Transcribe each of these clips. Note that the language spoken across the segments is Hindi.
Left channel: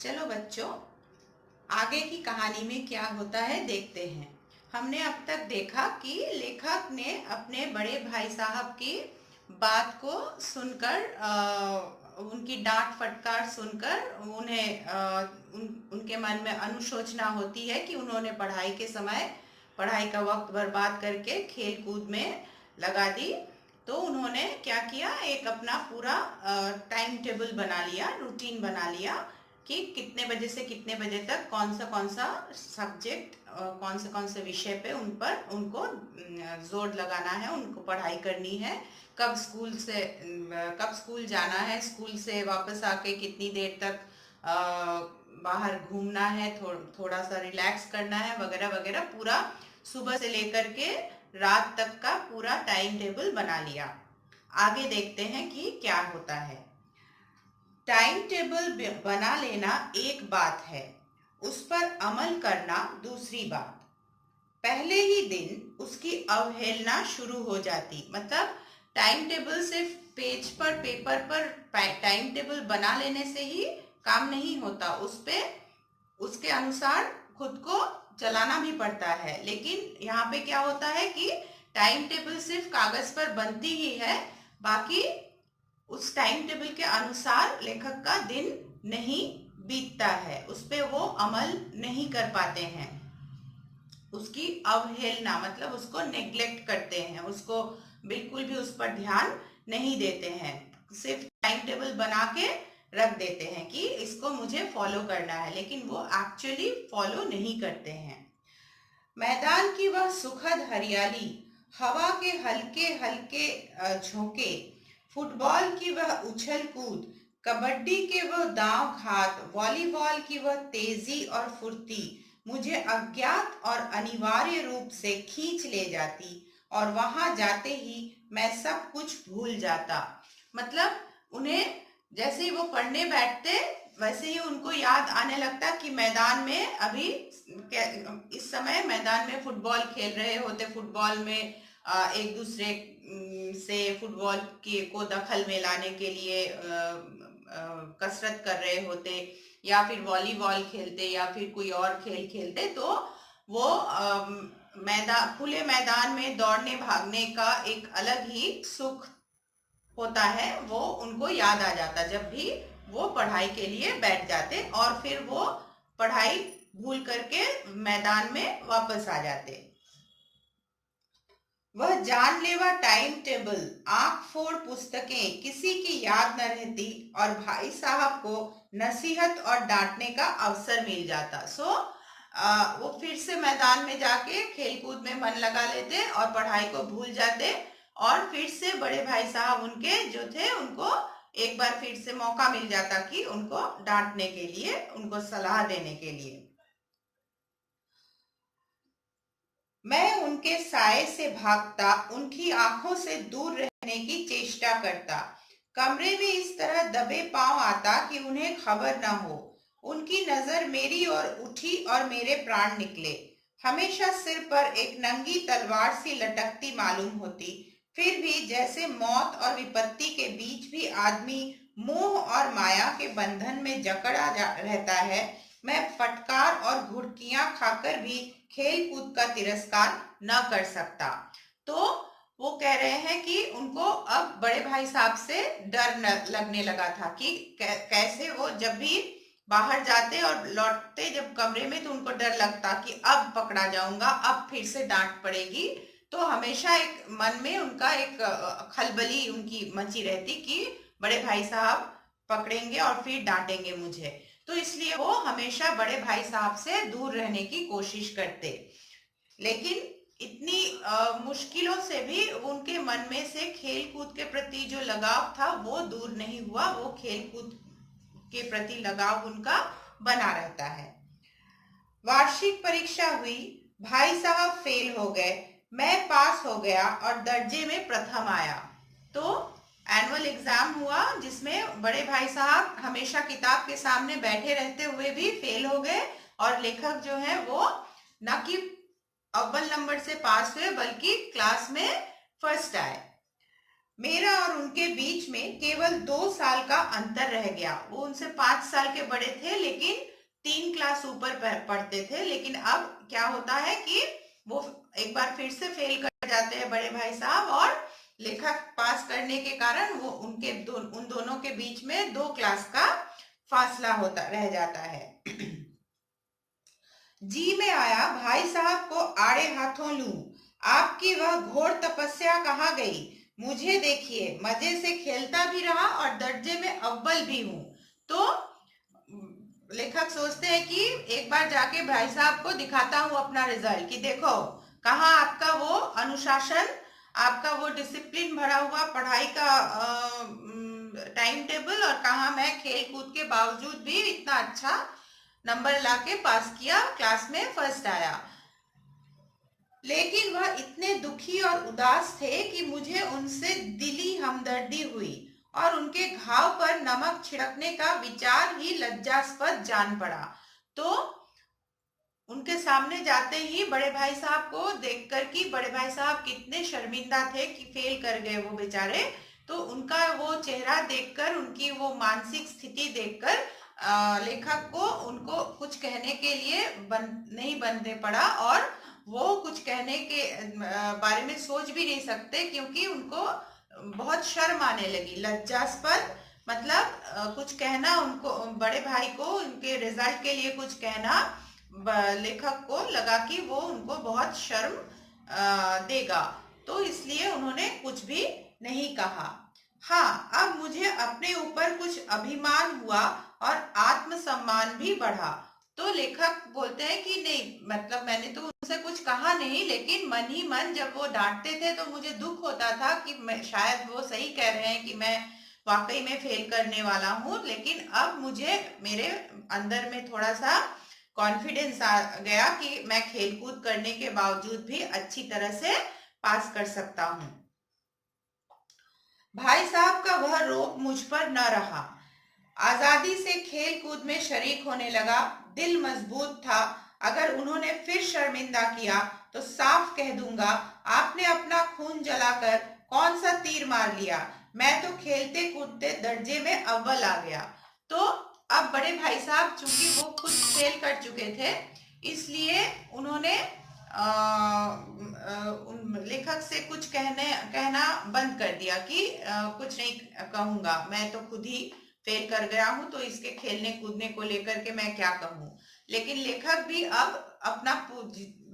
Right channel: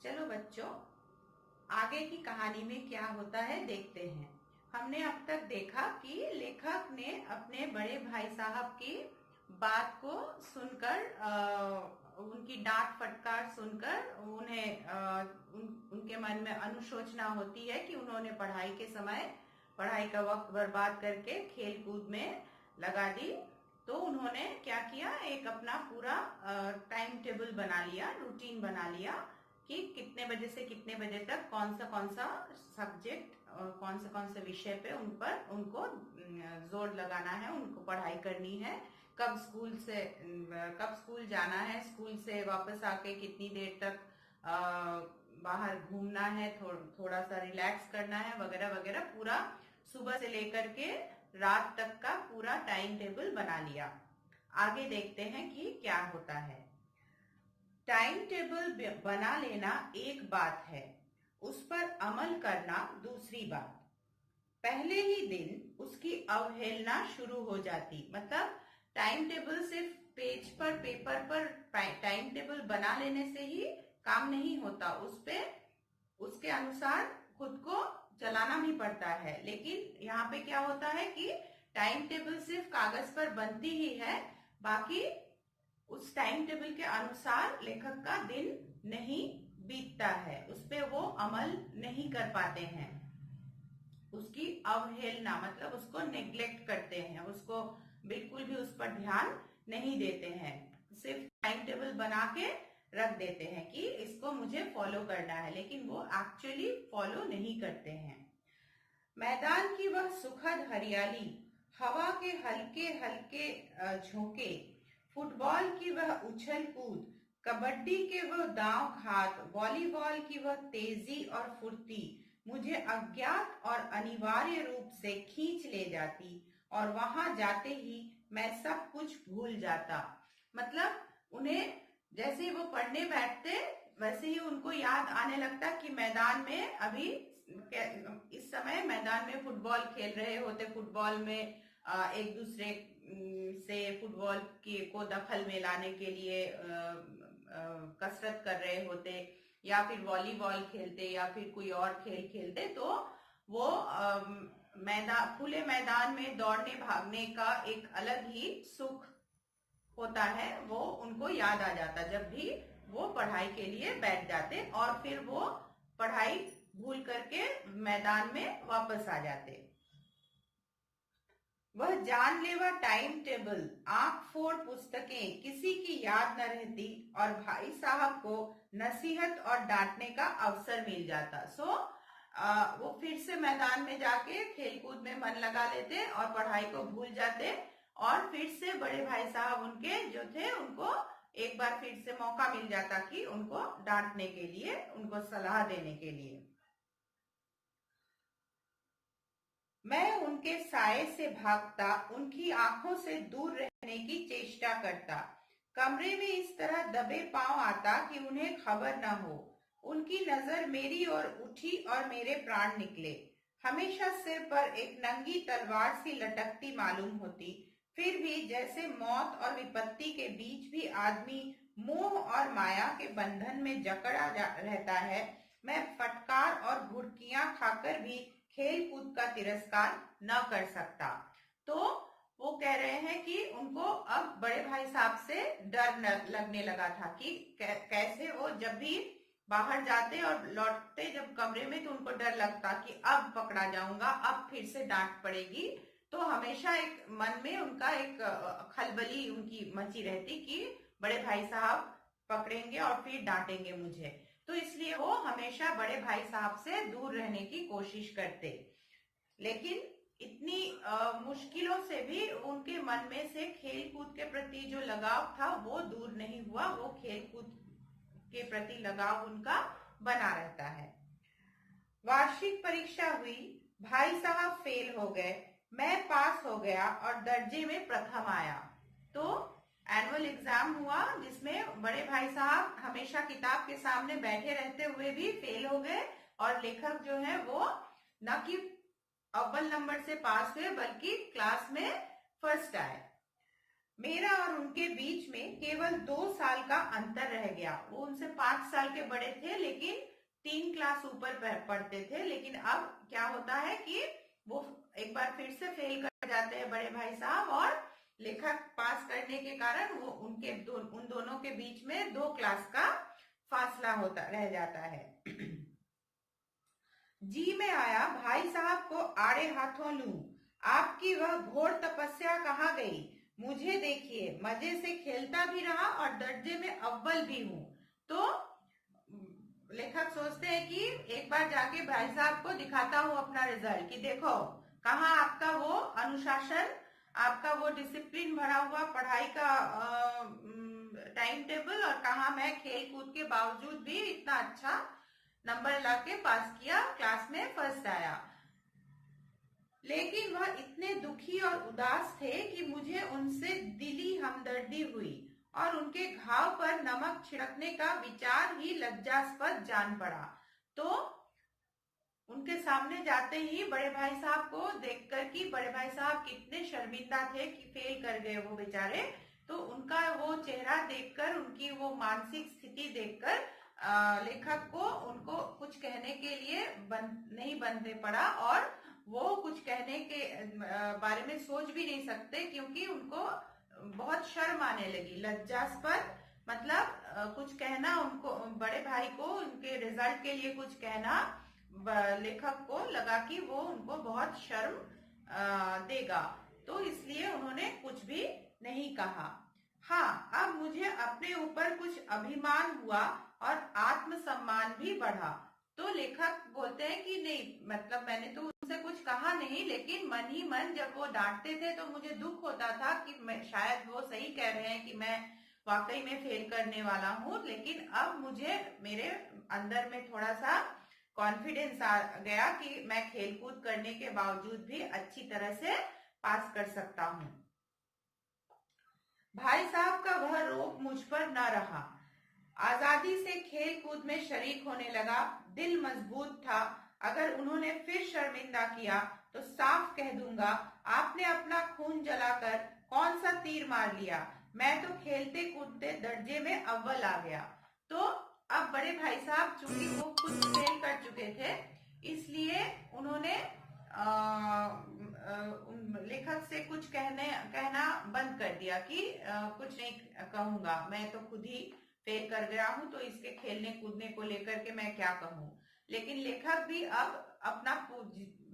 चलो बच्चों, आगे की कहानी में क्या होता है देखते हैं। हमने अब तक देखा कि लेखक ने अपने बड़े भाई साहब की बात को सुनकर उनकी डांट फटकार सुनकर उनके मन में अनुशोचना होती है कि उन्होंने पढ़ाई के समय पढ़ाई का वक्त बर्बाद करके खेल कूद में लगा दी। तो उन्होंने क्या किया, एक अपना पूरा टाइम टेबल बना लिया, रूटीन बना लिया कि कितने बजे से कितने बजे तक कौन सा सब्जेक्ट, कौन से विषय पे उनको जोर लगाना है, उनको पढ़ाई करनी है, कब स्कूल जाना है, स्कूल से वापस आके कितनी देर तक बाहर घूमना है, थोड़ा सा रिलैक्स करना है, वगैरह वगैरह। पूरा सुबह से लेकर के रात तक का पूरा टाइम टेबल बना लिया। आगे देखते हैं कि क्या होता है। टाइम टेबल बना लेना एक बात है, उस पर अमल करना दूसरी बात। पहले ही दिन उसकी अवहेलना शुरू हो जाती। मतलब टाइम टेबल सिर्फ पेज पर, पेपर पर टाइम टेबल बना लेने से ही काम नहीं होता, उसके अनुसार खुद को चलाना भी पड़ता है। लेकिन यहाँ पे क्या होता है कि टाइम टेबल सिर्फ कागज पर बनती ही है, बाकी उस टाइम टेबल के अनुसार लेखक का दिन नहीं बीतता है, उस पे वो अमल नहीं कर पाते हैं। उसकी अवहेलना मतलब उसको नेग्लेक्ट करते हैं, उसको बिल्कुल भी उस पर ध्यान नहीं देते हैं, सिर्फ टाइम टेबल बना के रख देते हैं कि इसको मुझे फॉलो करना है, लेकिन वो एक्चुअली फॉलो नहीं करते हैं। मैदान की वह सुखद हरियाली, हवा के हल्के हल्के झोंके, फुटबॉल की वह उछल कूद, कबड्डी के वह दांव घात, वॉलीबॉल की वह तेजी और फुर्ती मुझे अज्ञात और अनिवार्य रूप से खींच ले जाती, और वहां जाते ही मैं सब कुछ भूल जाता। मतलब उन्हें जैसे ही वो पढ़ने बैठते वैसे ही उनको याद आने लगता कि मैदान में अभी इस समय मैदान में फुटबॉल खेल रहे होते, फुटबॉल में एक दूसरे से फुटबॉल को दखल में लाने के लिए कसरत कर रहे होते, या फिर वॉलीबॉल खेलते, या फिर कोई और खेल खेलते। तो वो खुले मैदान में दौड़ने भागने का एक अलग ही सुख होता है, वो उनको याद आ जाता जब भी वो पढ़ाई के लिए बैठ जाते, और फिर वो पढ़ाई भूल करके मैदान में वापस आ जाते। वह जानलेवा टाइम टेबल, आंख फोड़ पुस्तकें किसी की याद न रहती, और भाई साहब को नसीहत और डांटने का अवसर मिल जाता। वो फिर से मैदान में जाके खेलकूद में मन लगा लेते और पढ़ाई को भूल जाते, और फिर से बड़े भाई साहब उनके जो थे उनको एक बार फिर से मौका मिल जाता कि उनको डांटने के लिए, उनको सलाह देने के लिए। मैं उनके साए से भागता, उनकी आंखों से दूर रहने की चेष्टा करता, कमरे में इस तरह दबे पांव आता कि उन्हें खबर न हो। उनकी नजर मेरी ओर उठी और मेरे प्राण निकले। हमेशा सिर पर एक नंगी तलवार सी लटकती मालूम होती, फिर भी जैसे मौत और विपत्ति के बीच भी आदमी मोह और माया के बंधन में जकड़ा रहता है। मैं फटकार और घुड़कियां खाकर भी खेल कूद का तिरस्कार न कर सकता। तो वो कह रहे हैं कि उनको अब बड़े भाई साहब से डर लगने लगा था कि कैसे वो जब भी बाहर जाते और लौटते जब कमरे में, तो उनको डर लगता कि अब पकड़ा जाऊंगा, अब फिर से डांट पड़ेगी। तो हमेशा एक मन में उनका एक खलबली उनकी मची रहती कि बड़े भाई साहब पकड़ेंगे और फिर डांटेंगे मुझे। तो इसलिए वो हमेशा बड़े भाई साहब से दूर रहने की कोशिश करते। लेकिन इतनी मुश्किलों से भी उनके मन में से खेल कूद के प्रति जो लगाव था वो दूर नहीं हुआ, वो खेल कूद के प्रति लगाव उनका बना रहता है। वार्षिक परीक्षा हुई, भाई साहब फेल हो गए, मैं पास हो गया और दर्जे में प्रथम आया। तो एनुअल एग्जाम हुआ जिसमें बड़े भाई साहब हमेशा किताब के सामने बैठे रहते हुए भी फेल हो गए, और लेखक जो है वो न कि अव्वल नंबर से पास हुए बल्कि क्लास में फर्स्ट आए। मेरा और उनके बीच में केवल 2 साल का अंतर रह गया। वो उनसे 5 साल के बड़े थे, लेकिन 3 क्लास ऊपर पढ़ते थे। लेकिन अब क्या होता है कि वो एक बार फिर से फेल कर जाते हैं बड़े भाई साहब, और लेखक पास करने के कारण वो उन दोनों के बीच में 2 क्लास का फासला होता रह जाता है। जी में आया भाई साहब को आड़े हाथों लूं, आपकी वह घोर तपस्या कहाँ गई? मुझे देखिए, मजे से खेलता भी रहा और दर्जे में अव्वल भी हूँ। तो लेखक सोचते हैं कि एक बार जाके भाई साहब को दिखाता हूँ अपना रिजल्ट, कि देखो कहाँ आपका वो अनुशासन, आपका वो डिसिप्लिन भरा हुआ पढ़ाई का टाइम टेबल, और कहाँ मैं खेल कूद के बावजूद भी इतना अच्छा नंबर लाके पास किया, क्लास में फर्स्ट आया। लेकिन वह इतने दुखी और उदास थे कि मुझे उनसे दिली हमदर्दी हुई और उनके घाव पर नमक छिड़कने का विचार ही लज्जास्पद जान पड़ा। तो उनके सामने जाते ही बड़े भाई साहब को देखकर कि बड़े भाई साहब कितने शर्मिंदा थे कि फेल कर गए वो बेचारे, तो उनका वो चेहरा देखकर, उनकी वो मानसिक स्थिति देखकर लेखक को उनको कुछ कहने के लिए नहीं बनने पड़ा, और वो कुछ कहने के बारे में सोच भी नहीं सकते, क्योंकि उनको बहुत शर्म आने लगी। लज्जास्पद मतलब कुछ कहना, उनको बड़े भाई को उनके रिजल्ट के लिए कुछ कहना लेखक को लगा कि वो उनको बहुत शर्म देगा, तो इसलिए उन्होंने कुछ भी नहीं कहा। हाँ, अब मुझे अपने ऊपर कुछ अभिमान हुआ और आत्मसम्मान भी बढ़ा। तो लेखक बोलते हैं कि नहीं, मतलब मैंने तो उनसे कुछ कहा नहीं, लेकिन मन ही मन जब वो डांटते थे तो मुझे दुख होता था कि मैं शायद वो सही कह रहे हैं कि मैं वाकई में फेल करने वाला हूँ। लेकिन अब मुझे मेरे अंदर में थोड़ा सा कॉन्फिडेंस आ गया कि मैं खेलकूद करने के बावजूद भी अच्छी तरह से पास कर सकता हूँ। भाई साहब का वह रोब मुझ पर न रहा। आजादी से खेल कूद में शरीक होने लगा। दिल मजबूत था। अगर उन्होंने फिर शर्मिंदा किया तो साफ कह दूंगा, आपने अपना खून जलाकर कौन सा तीर मार लिया, मैं तो खेलते कूदते दर्जे में अव्वल आ गया। तो अब बड़े भाई साहब चूंकि वो खुद फेल कर चुके थे, इसलिए उन्होंने लेखक से कुछ कहना बंद कर दिया कि कुछ नहीं कहूंगा, मैं तो खुद ही फेल कर गया हूं, तो इसके खेलने कूदने को लेकर के मैं क्या कहूं। लेकिन लेखक भी अब अपना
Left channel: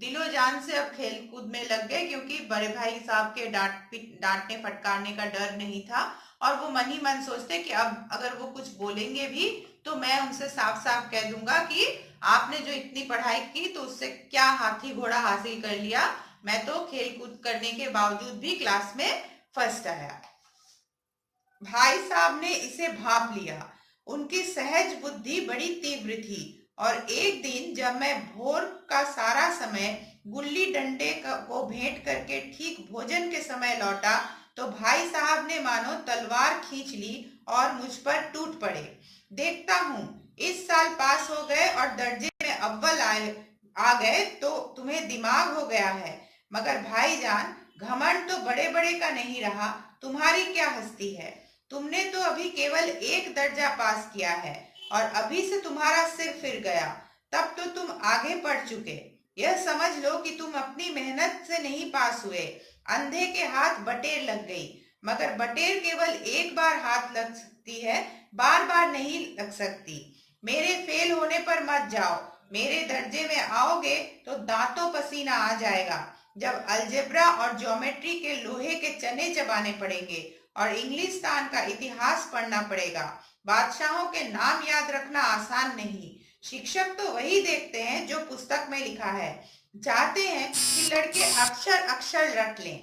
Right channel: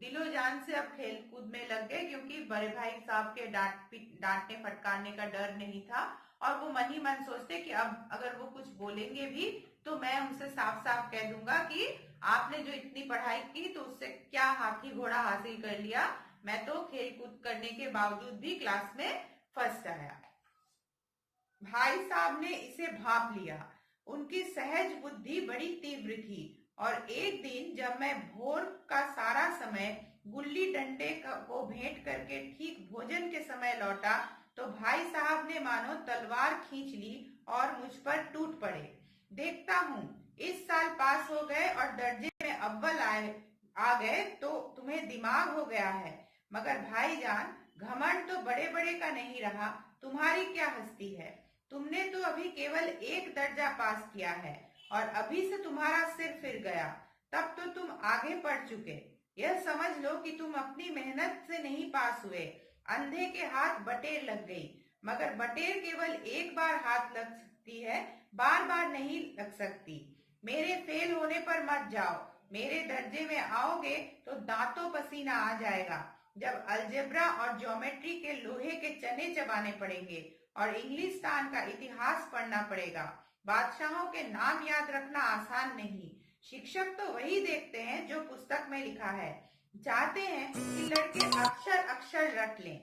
दिलो जान से अब खेल कूद में लग गए, क्योंकि बड़े भाई साहब के डांटने फटकारने का डर नहीं था, और वो मन ही मन सोचते कि अब अगर वो कुछ बोलेंगे भी तो मैं उनसे साफ साफ कह दूंगा कि आपने जो इतनी पढ़ाई की तो उससे क्या हाथी घोड़ा हासिल कर लिया, मैं तो खेल कूद करने के बावजूद भी क्लास में फर्स्ट आया। भाई साहब ने इसे भाप लिया। उनकी सहज बुद्धि बड़ी तीव्र थी, और एक दिन जब मैं भोर का सारा समय गुल्ली डंडे को भेंट करके ठीक भोजन के समय लौटा, तो भाई साहब ने मानो तलवार खींच ली और मुझ पर टूट पड़े। देखता हूँ इस साल पास हो गए और दर्जे में अव्वल आ गए, तो तुम्हें दिमाग हो गया है। मगर भाईजान, घमंड तो बड़े बड़े का नहीं रहा। तुम्हारी क्या हस्ती है? तुमने तो अभी केवल एक दर्जा पास किया है, और अभी से तुम्हारा सिर फिर गया। तब तो तुम आगे बढ़ चुके। यह समझ लो कि तुम अपनी मेहनत से नहीं पास हुए। अंधे के हाथ बटेर लग गई, मगर बटेर केवल एक बार हाथ लग सकती है, बार बार नहीं लग सकती। मेरे फेल होने पर मत जाओ। मेरे दर्जे में आओगे तो दांतों पसीना आ जाएगा, जब अलजेब्रा और ज्योमेट्री के लोहे के चने चबाने पड़ेंगे और इंग्लिस्तान का इतिहास पढ़ना पड़ेगा। बादशाहों के नाम याद रखना आसान नहीं। शिक्षक तो वही देखते हैं जो पुस्तक में लिखा है, चाहते हैं कि लड़के अक्षर अक्षर रट लें,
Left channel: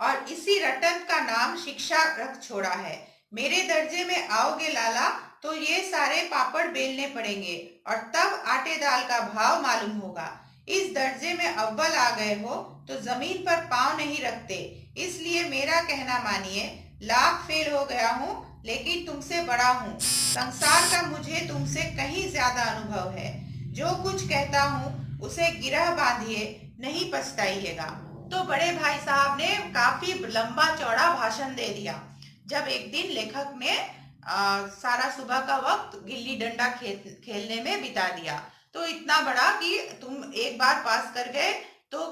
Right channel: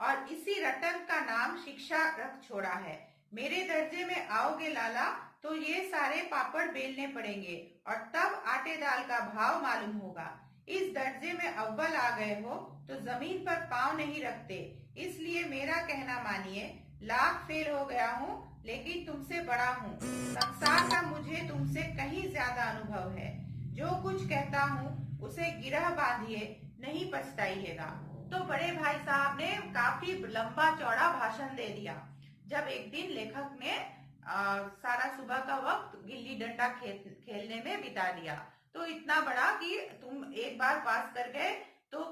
और इसी रटन का नाम शिक्षा रख छोड़ा है। मेरे दर्जे में आओगे लाला तो ये सारे पापड़ बेलने पड़ेंगे, और तब आटे दाल का भाव मालूम होगा। इस दर्जे में अव्वल आ गए हो तो जमीन पर पांव नहीं रखते, इसलिए मेरा कहना मानिए। लाख फेल हो गया हूँ, लेकिन तुमसे बड़ा हूँ। संसार का मुझे तुमसे कहीं ज्यादा अनुभव है। जो कुछ कहता हूँ उसे गिरह बांधिए, नहीं पछताइएगा। तो बड़े भाई साहब ने काफी लंबा चौड़ा भाषण दे दिया। जब एक दिन लेखक ने सारा सुबह का वक्त गिल्ली डंडा खेलने में बिता दिया, तो इतना बड़ा कि तुम एक बार पास कर गए तो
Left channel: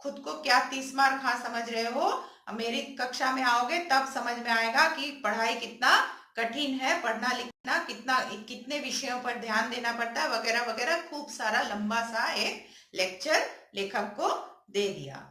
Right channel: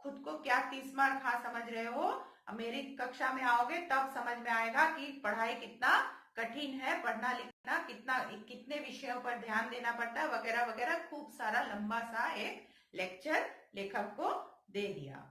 खुद को क्या 30 मार खा समझ रहे हो। मेरी कक्षा में आओगे तब समझ में आएगा कि पढ़ाई कितना कठिन है, पढ़ना लिखना कितना, कितने विषयों पर ध्यान देना पड़ता है, वगैरह वगैरह। खूब सारा लंबा सा एक लेक्चर लेखक को दे दिया।